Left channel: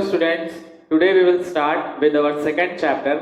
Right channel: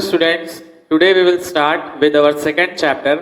students, today we will start with our second chapter,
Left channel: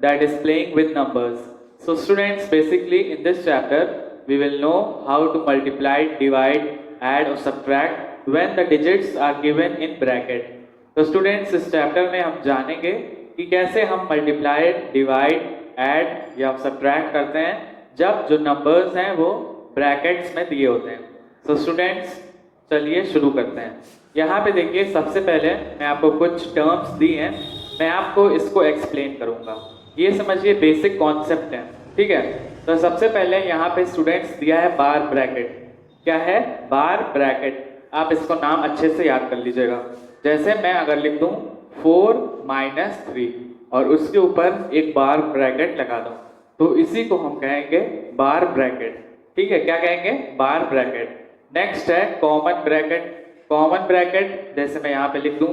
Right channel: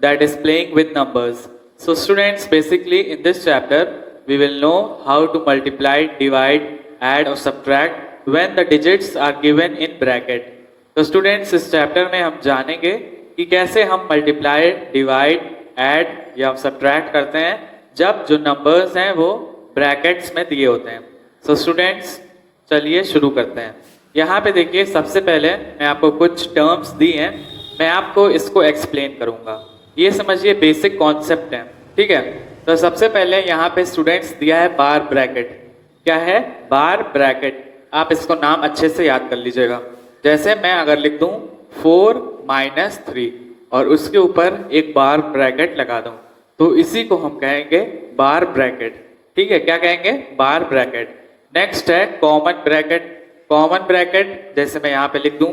that is playing with numbers. So students, basically in this chapter we will know how to multiply, divide, add or subtract when the digits are given in bracket. तो students इस chapter में हम जानेंगे कि कैसे हम multiply, divide, add या subtract करते हैं जब जो नंबर्स हैं वो ब्रैकेट्स में दिए होते हैं. सो स्टूडेंट्स, चलिए शुरू करते हैं. यहाँ पे देखिए, सबसे पहले मैं आपको कुछ टर्म्स दी हैं, मैं आपको इसको एक्सप्लेन करूँगा. ये समझिए बेसिक कॉन्सेप्ट है, ठीक है. तो सबसे पहले यहाँ पे स्टूडेंट्स दिया है बार ब्रैकेट. क्या है? बार ब्रैकेट. आप इसको नाम अच्छे से याद कर लीजिएगा. जैसे मैं अगर लिख दूं 4 - 3 और उसके ऊपर एक बार ब्रैकेट लगा दूं, तो इसी को हम कहेंगे बार ब्रैकेट. ठीक है, क्या कहेंगे? बार ब्रैकेट. नेक्स्ट है कॉमन ब्रैकेट. कॉमन ब्रैकेट जैसे मैं यहाँ पे लिख दूं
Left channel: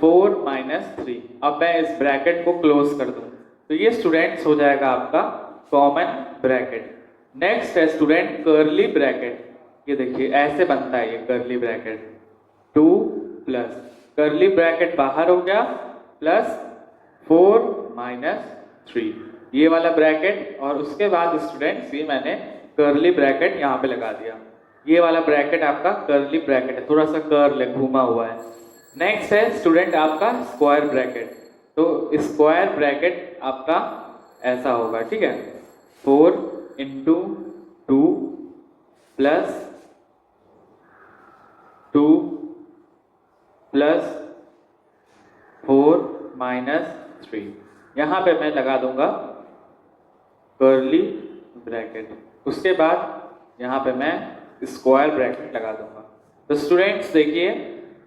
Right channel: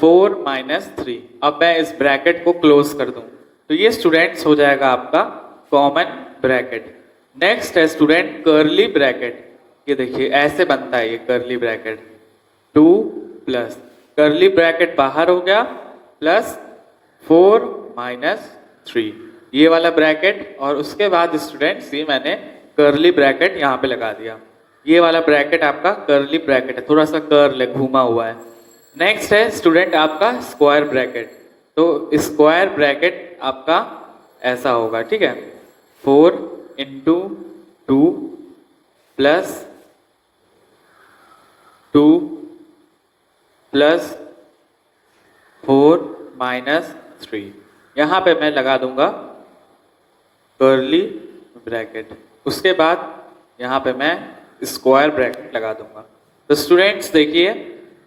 4 - 3, अब मैं इस ब्रैकेट को क्लोज कर दूं, तो ये स्टूडेंट्स हो जाएगा आपका कॉमन ब्रैकेट. नेक्स्ट है स्टूडेंट कर्ली ब्रैकेट. ये देखिए ऐसे बनता है ये curly bracket. 2 plus curly bracket बाहर हो गया प्लस 4 - 3, ये वाला ब्रैकेट. और उसके बाद स्टूडेंट्स ये मैंने कर्ली ब्रैकेट यहाँ पे लगा दिया. ये वाला ब्रैकेट आपका कर्ली ब्रैकेट है, थोड़ा सा कर्ल है, घूमा हुआ है. नेक्स्ट है स्टूडेंट आपका स्क्वायर ब्रैकेट. तो स्क्वायर ब्रैकेट आपका ऐसा होगा, ठीक है. 4 × 2 प्लस 2 प्लस 4 - 3. यहाँ पे मैं लगा दूंगा कर्ली ब्रैकेट. उसके बाद यहाँ पे मैं स्क्वायर ब्रैकेट लगा दूंगा. तो स्टूडेंट्स देखिए,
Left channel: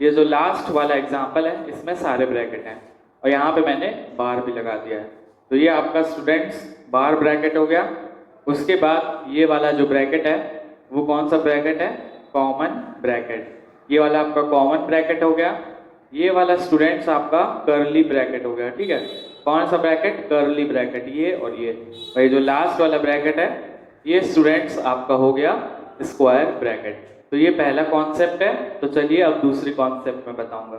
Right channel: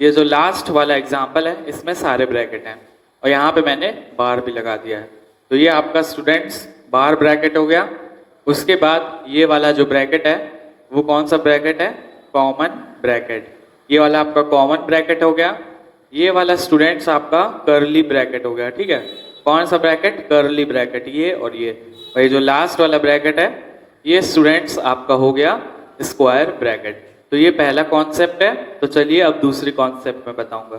ये जो लास्ट वाला एग्जांपल है इसमें सारे ब्रैकेट हैं और यहाँ पे मैंने बार भी लगा दिया है. तो ये आपका स्टूडेंट्स बार ब्रैकेट हो गया. उसके बाद ये वाला जो ब्रैकेट है वो कौन सा ब्रैकेट है? Common bracket. ये वाला आपका कॉमन ब्रैकेट हो गया. ये वाला स्टूडेंट्स आपका कर्ली ब्रैकेट हो गया, ठीक है. कौन सा ब्रैकेट? Curly bracket. ये और ये जो लास्ट वाला ब्रैकेट है ये स्टूडेंट्स आपका हो गया स्क्वायर ब्रैकेट. तो ये पहला कॉन्सेप्ट है. तो चलिए अब दूसरी कॉन्सेप्ट में बताऊंगा.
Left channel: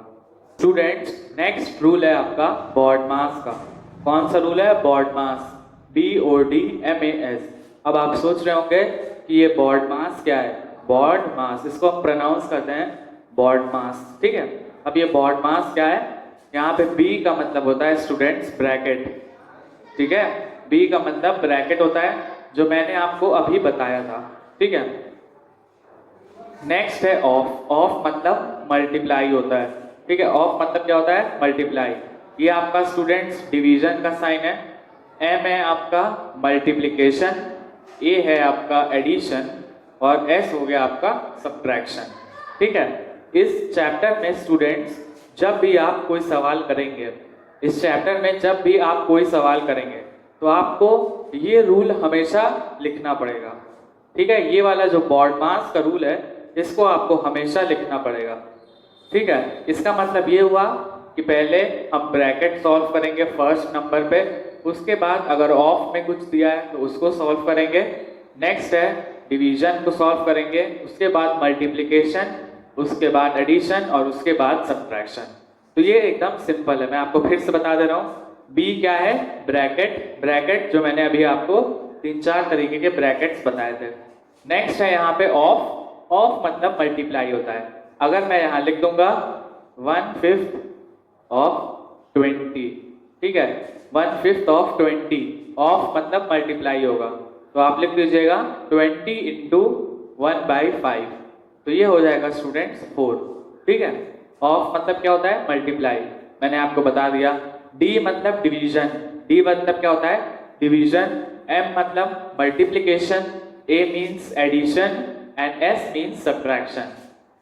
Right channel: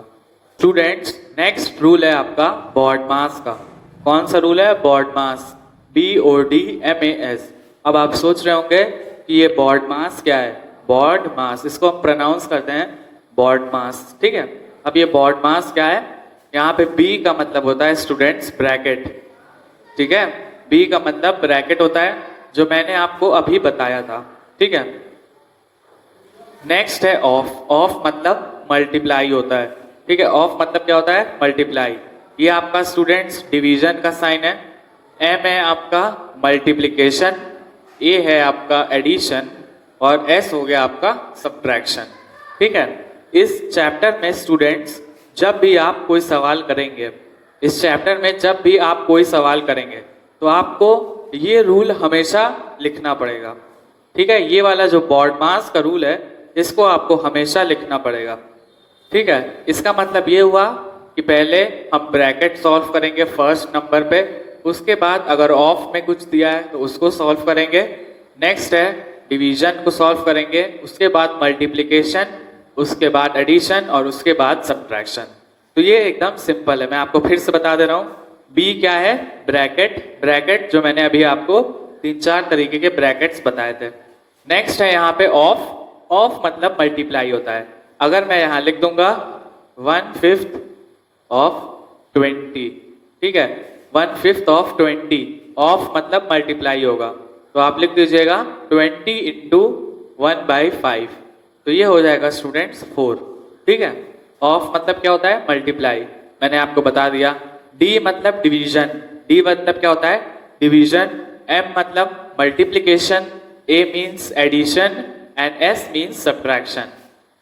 स्टूडेंट्स, नेक्स्ट रूल है आपका BODMAS का. कौन सा रूल है? BODMAS. BODMAS. अब आप सोच रहे होंगे कि ये BODMAS क्या है? BODMAS, इसको हम प्रोनाउंस करते हैं BODMAS, ठीक है. अब ये BODMAS क्या है? यहाँ पे B का मतलब होता है स्टूडेंट्स ब्रैकेट, ठीक है. B का मतलब ब्रैकेट होता है, जो मैंने आपको अभी बताया था, ठीक है. नेक्स्ट है ऑफ. ऑफ मतलब मल्टीप्लाई होता है, ठीक है. ऑफ मतलब क्या होता है? मल्टीप्लाई. ये आपका स्टूडेंट्स डिवीजन का साइन है. M है आपका मल्टीप्लिकेशन, A है आपका एडिशन और S हो गया आपका सब्ट्रैक्शन, ठीक है. इस चैप्टर में स्टूडेंट्स जब भी आप कोई सवाल करेंगे, इस चैप्टर में जब भी आप कोई सवाल करेंगे तो आपको ये रूल हमेशा लिखना पड़ेगा, ठीक है. ये वाला जो BODMAS का रूल है इसको आपको हमेशा लिखना पड़ेगा, ठीक है. इसका मतलब ये हुआ कि पहले हम ब्रैकेट सॉल्व करेंगे फर्स्ट नंबर पे, उसके बाद अगर ऑफ में कुछ दिया है तो उसको सॉल्व करेंगे. नेक्स्ट है डिवीजन को सॉल्व करेंगे, उसके बाद मल्टीप्लिकेशन, उसके बाद एडिशन और उसके बाद सब्ट्रैक्शन. तो ये एकदम सिंपल है. मैं आपको फिर से बता दे रहा हूँ. बी क्या है? ब्रैकेट. ब्रैकेट जो मैंने अभी आपको 3-4 तरीके के ब्रैकेट्स बताए थे. नेक्स्ट है यहाँ पे ऑफ. ऑफ मतलब मल्टीप्लाई होता है. अगर मैं यहाँ लिख दूंगा 1/5 of 20, ठीक है. 1/5 of 20. ऑफ मतलब मल्टीप्लाई होगा, तो आप लिख दीजिएगा 20 × 1/5. तो ये हो जाएगा स्टूडेंट्स 4, ठीक है. ऑफ मतलब क्या होता है? मल्टीप्लाई. मैंने आपको बता दिया. डी मतलब डिवीजन. डी मतलब क्या होता है? डिवीजन. एम मतलब multiplication. A means addition and S means subtraction.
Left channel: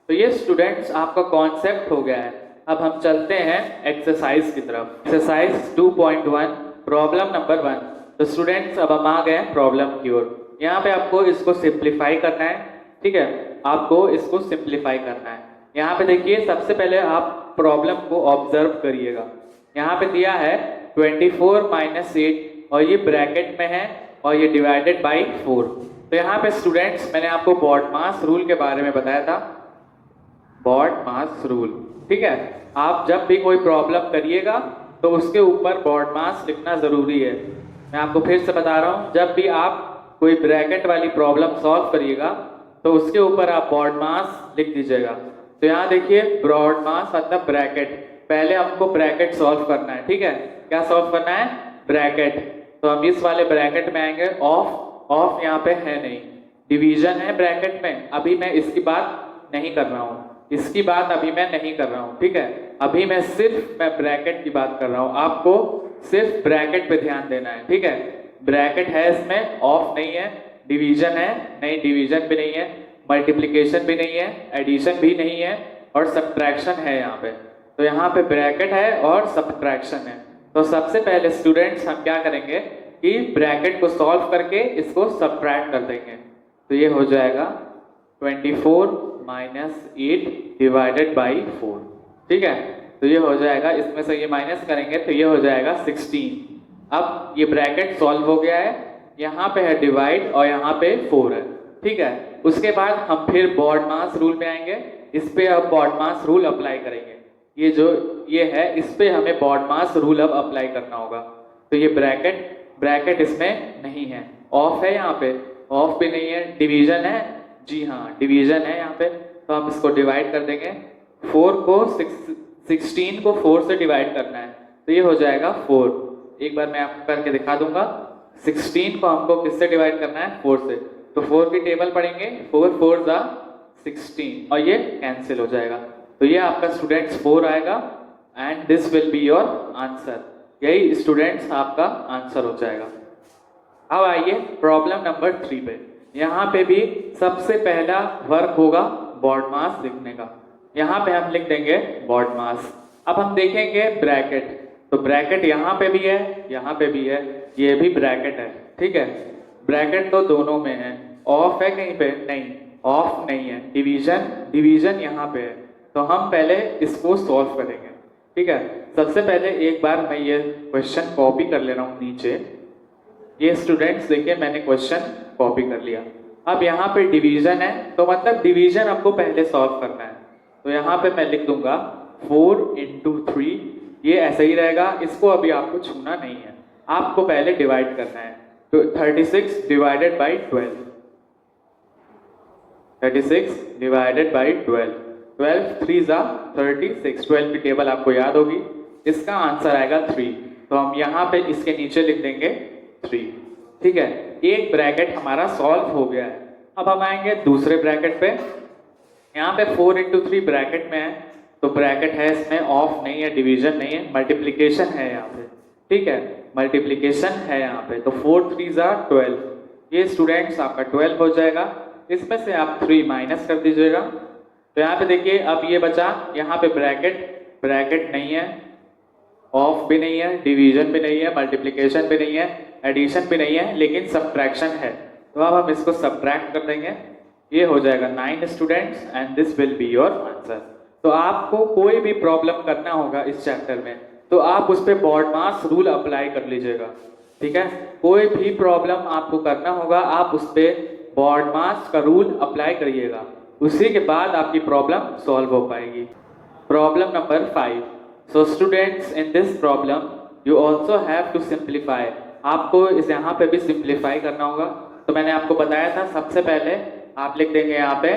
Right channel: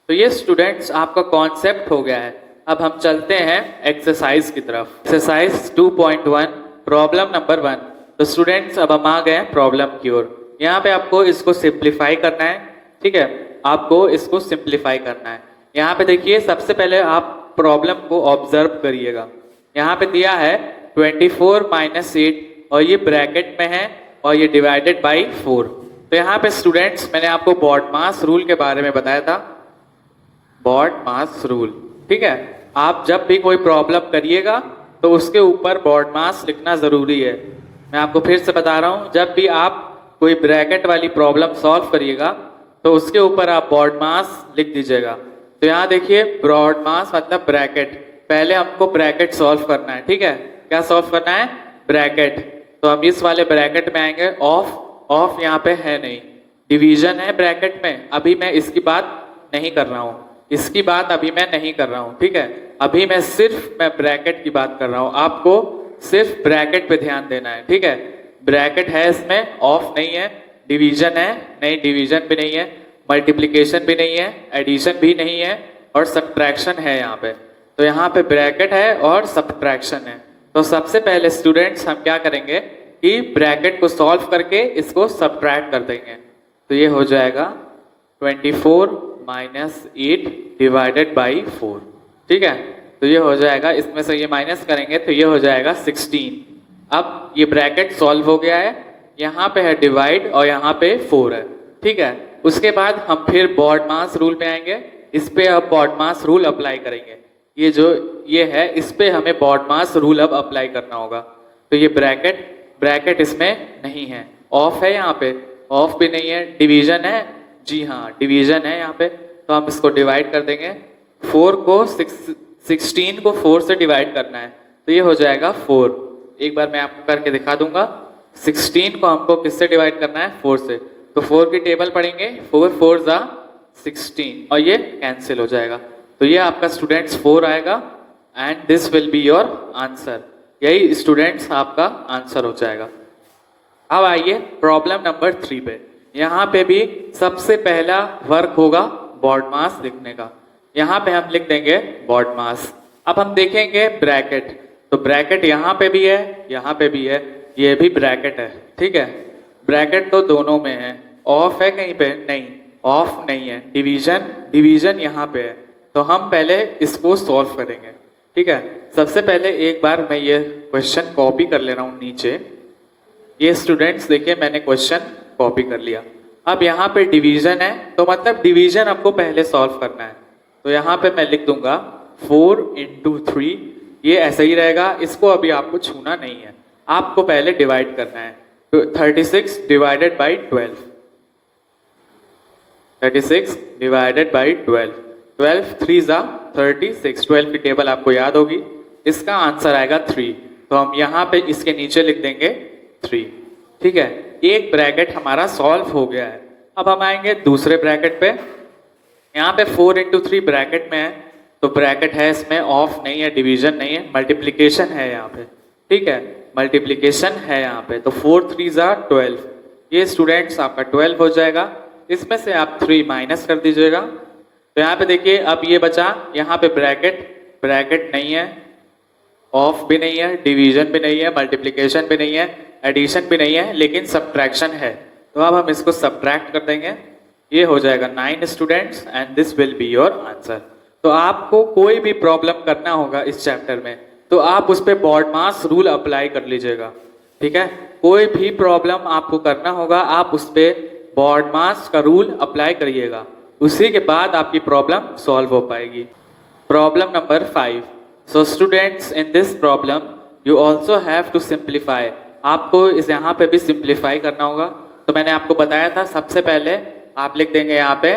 तो ये स्टूडेंट्स आपका कॉन्सेप्ट हो गया है. अब हम चलते हैं एक्सरसाइज की तरफ. Exercise 2.1 problem number 1. तो स्टूडेंट्स अब हम आ गए हैं प्रॉब्लम की ओर. यहाँ पे आपको इसको सिंप्लीफाई करना है, ठीक है. आपको इसको सिंप्लीफाई करना है. यहाँ पे देखिए, सबसे पहले आप प्रॉब्लम को ऑब्जर्व करिएगा. यहाँ पे दिया है 24 - 8 और ये ब्रैकेट में है और ये डिवाइडेड बाई 4. तो यहाँ पे स्टूडेंट्स मैंने आपको BODMAS रूल के बारे में बताया था. BODMAS रूल, ठीक है. आप जब भी कोई प्रॉब्लम करिएगा तो उसके ऊपर बोर्ड मास लिखना ज़रूरी है। मैं आपको फिर से बता रहा हूँ, जब भी आप कोई ब्रैकेट वाली प्रॉब्लम सॉल्व करिएगा तो उसके ऊपर आप बोर्ड मास लिख दीजिएगा। तो यहाँ देखिए ब्रॉड मास मतलब ब्रैकेट, पहले हमको ब्रैकेट सॉल्व करना है, ठीक है। क्या सॉल्व करना है? ब्रैकेट। तो हम इस वाले ब्रैकेट में आएंगे। ऑफ यहाँ पे है नहीं, डिवीजन है ब्रैकेट में। अभी मैं इसकी बात नहीं कर रहा हूँ, इसकी बात अभी मैं नहीं कर रहा हूँ, ठीक है। अभी मैं सिर्फ ब्रैकेट की बात कर रहा हूँ, आपको सिर्फ ब्रैकेट पे ध्यान देना है, ठीक है। ब्रैकेट है, इसमें ऑफ नहीं है, डिवीजन है नहीं, डिवीजन भी नहीं है, मल्टीप्लिकेशन भी नहीं है, एडिशन भी नहीं है, और सब्ट्रैक्शन है यहाँ पे। तो यहाँ पे ब्रैकेट है और सब्ट्रैक्शन है। तो सबसे पहले स्टूडेंट्स हम क्या करेंगे कि ब्रैकेट को सॉल्व करके इसको सब्ट्रैक्ट कर देंगे। तो ये हो जाएगा 24 माइनस 8 डिवाइडेड बाई 4, ठीक है। तो ये हो जाएगा, इसमें से ये माइनस करेंगे तो ये हो जाएगा 16। अब ये ब्रैकेट सॉल्व हो गया है, यहाँ पे है डिवाइड और यहाँ पे 4 है, ठीक है। उसके बाद हम फिर बॉड मास रूल पे आएंगे, इस पे अब बॉड मास रूल अप्लाई करेंगे। ये जो ये है इस पे हमें बॉड मास रूल अब अप्लाई करना होगा। तो ये ब्रैकेट इसमें नहीं है, ऑफ है, यहाँ पे ऑफ भी नहीं है, डिवीजन है, जी हाँ डिवीजन है यहाँ पे। तो हम इसको डिवाइड कर देंगे, 16 को 4 से डिवाइड करना है, तो ये हो जाएगा 4। एक बार मैं आपको करके दिखा दूंगा। 16 को हमको किससे डिवाइड करना है? 4 से। तो 4 की टेबल पढ़ेंगे, 4 4 जा 16 और ये कैंसिल हो जाएगा। तो ये आपका स्टूडेंट्स 4 आएगा and this will be your answer. यही स्टूडेंट्स आपका आंसर हो जाएगा। अब आइए प्रॉब्लम नंबर 3 पे। यहाँ पे भी सबसे पहला वर्क होगा बॉड मास लिखने का। यहाँ पे हम लिख देंगे बॉड मास। अब हम देखेंगे ब्रैकेट, तो ब्रैकेट यहाँ पे भी है, यहाँ पे भी है, ये भी ब्रैकेट है, ठीक है। ब्रैकेट तो दोनों में है, ऑफ है कहीं पे? नहीं, ऑफ नहीं है। डिवीजन यहाँ पे है, तो हम पहले इसको सॉल्व करेंगे, ठीक है। सबसे पहले एक बार मैं ये क्वेश्चन कॉपी कर ले रहा हूँ नीचे। ये स्टूडेंट्स देखिए मैंने क्वेश्चन कॉपी कर लिया। अब यहाँ पे डिवीजन है, तो मतलब डिवीजन आपको पहले सॉल्व करना है। तो यहाँ पे मैं लिख दूंगा 4 into 3, ये ऐसा ही रहेगा, इसको अभी आपको छूना नहीं है, आपको पहले डिवाइड करना है। तो 36 डिवाइडेड बाई 12, 36 डिवाइडेड बाई 12, 12 3 जा 36, 12 की टेबल आपको याद होगी, इसका आंसर आएगा 3। तो हम यहाँ पे इसके नीचे लिख देंगे 3, ठीक है। एक ब्रैकेट हमारा सॉल्व हो गया है। अब हम आएंगे दूसरे ब्रैकेट पे। यहाँ पे 4 into 3 ब्रैकेट में है, तो ब्रैकेट है, इसमें ऑफ नहीं है, डिवीजन नहीं है, मल्टीप्लिकेशन है यहाँ पे, ठीक है, मल्टीप्लिकेशन है यहाँ पे। तो 4 3 जा 12, ये स्टूडेंट्स आपका 12 हो जाएगा। इसमें से आप 3 माइनस कर दीजिएगा। तो यहाँ पे देखिए अब ये बचा, यहाँ पे ब्रैकेट नहीं है, ऑफ भी नहीं है, डिवीजन भी नहीं है, मल्टीप्लिकेशन भी नहीं है, एडिशन भी नहीं है, लेकिन सब्ट्रैक्शन है। तो अब हम इसको सब्ट्रैक्ट कर देंगे, ये हो जाएगा 9 students and this will be your answer. तो आपको कोई भी प्रॉब्लम करना होगा इस चैप्टर में तो आप उस पर बॉड मास रूल अप्लाई कर लीजिएगा, ठीक है। कोई भी प्रॉब्लम आपको करना होगा आप उस पर बॉड मास का रूल अप्लाई करिएगा, उसी के बाद आपकी प्रॉब्लम सॉल्व हो पाएगी। Problem number 5। So students in this problem you also have to simplify. आपको इस यहाँ पे भी सिंप्लीफाई करना होगा। तो मैंने आपको बताया था सबसे पहले आप लिख देंगे यहाँ पे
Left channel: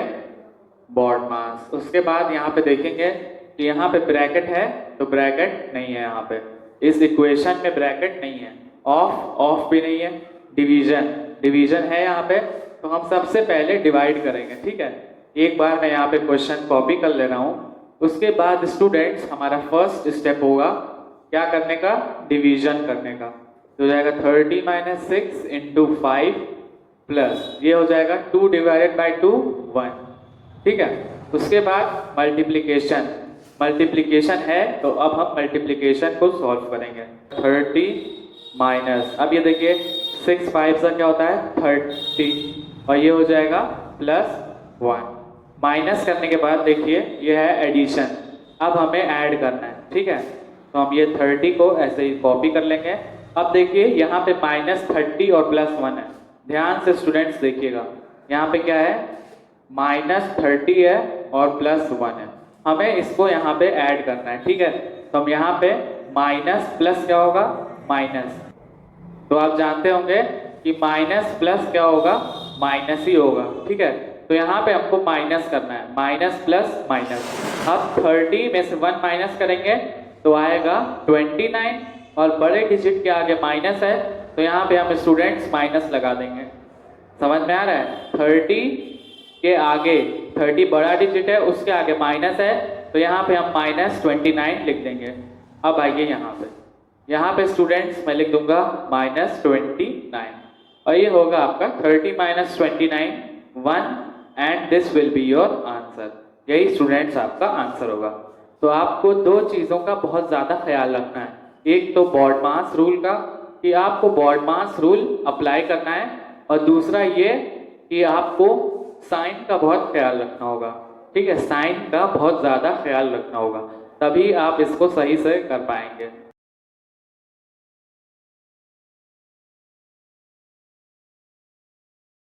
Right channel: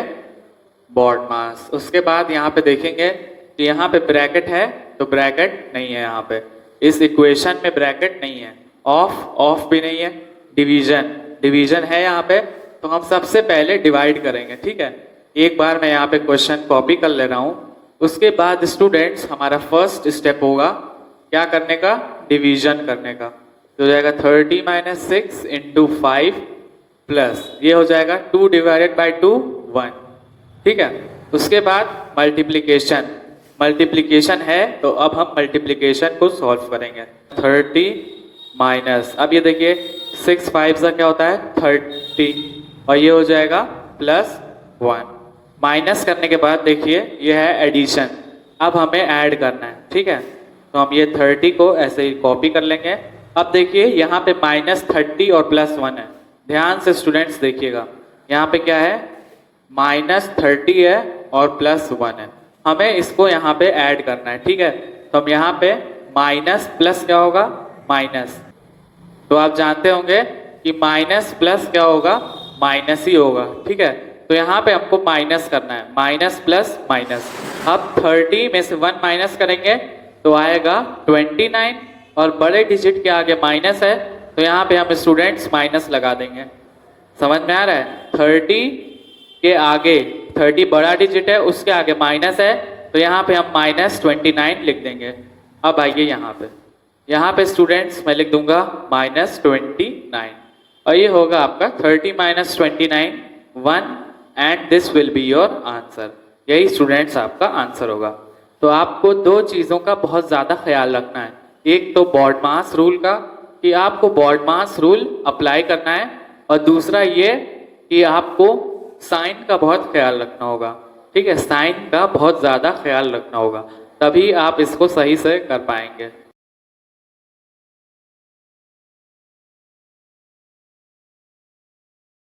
बॉड मास, उसके बाद यहाँ पे देखेंगे कि यहाँ पे ब्रैकेट है, तो ब्रैकेट नहीं है यहाँ पे, इस इक्वेशन में ब्रैकेट नहीं है, ऑफ भी नहीं है, डिवीजन है यहाँ पे। तो हम सबसे पहले डिवाइड करेंगे, ठीक है। एक बार मैं यहाँ पे क्वेश्चन कॉपी कर ले रहा हूँ। उसके बाद स्टूडेंट्स हमारा फर्स्ट स्टेप होगा क्या करने का? डिवीजन करने का। तो हो जाएगा 30 माइनस 6 इंटू 5 प्लस ये हो जाएगा 2 डिवाइडेड बाई 2 1, ठीक है। उसके बाद मल्टीप्लिकेशन है, तो अब हम मल्टीप्लिकेशन को सॉल्व करेंगे। 30 माइनस, अब ये देखिए 6 5 से क्या होता है 30, और ये हो जाएगा प्लस 1। माइनस करने के बाद देखिए ये है एडिशन, अब हमें ऐड करना है, ठीक है। तो हम ये 30 को ऐसे ही कॉपी कर लेंगे। अब देखिए यहाँ पे माइनस 30 और प्लस 1 है, ध्यान से स्टूडेंट्स देखिएगा, यहाँ पे क्या है माइनस 30 है और प्लस 1 है, हमें इसको यहाँ पे ऐड करना है, ठीक है। तो हम यहाँ पे माइनस प्लस क्या होगा, माइनस। तो आप जानते होंगे कि माइनस प्लस क्या होगा, माइनस ही होगा, ठीक है। तो यहाँ पे हमको माइनस करना है, माइनस प्लस माइनस। अब 30 में से 1 माइनस करेंगे तो आएगा 29, और बड़े डिजिट के आगे माइनस है तो यहाँ पे हम स्टूडेंट्स माइनस लगा देंगे। समझ में आ रहा है? 30 के आगे, 30 बड़ा डिजिट है, उसके आगे माइनस है तो यहाँ पे हम माइनस 29 लिख देंगे। अब आइए यहाँ पे स्टूडेंट्स मैं लिख दूंगा माइनस 29, और ये होगा आपका 30 minus 29 1, and this will be your answer. यही स्टूडेंट्स आपका आंसर होगा। तो आपको दो चीज़ों का बहुत ज़्यादा ख्याल रखना है। एक तो बॉड मास रूल का, कि आपको बॉड मास रूल अप्लाई करना है, और दूसरा ये कि आपको साइन का बहुत ख्याल रखना होगा, ठीक है। साइन का बहुत ज़्यादा ख्याल रखना होगा, तभी आप इसको सही से कर पाएंगे।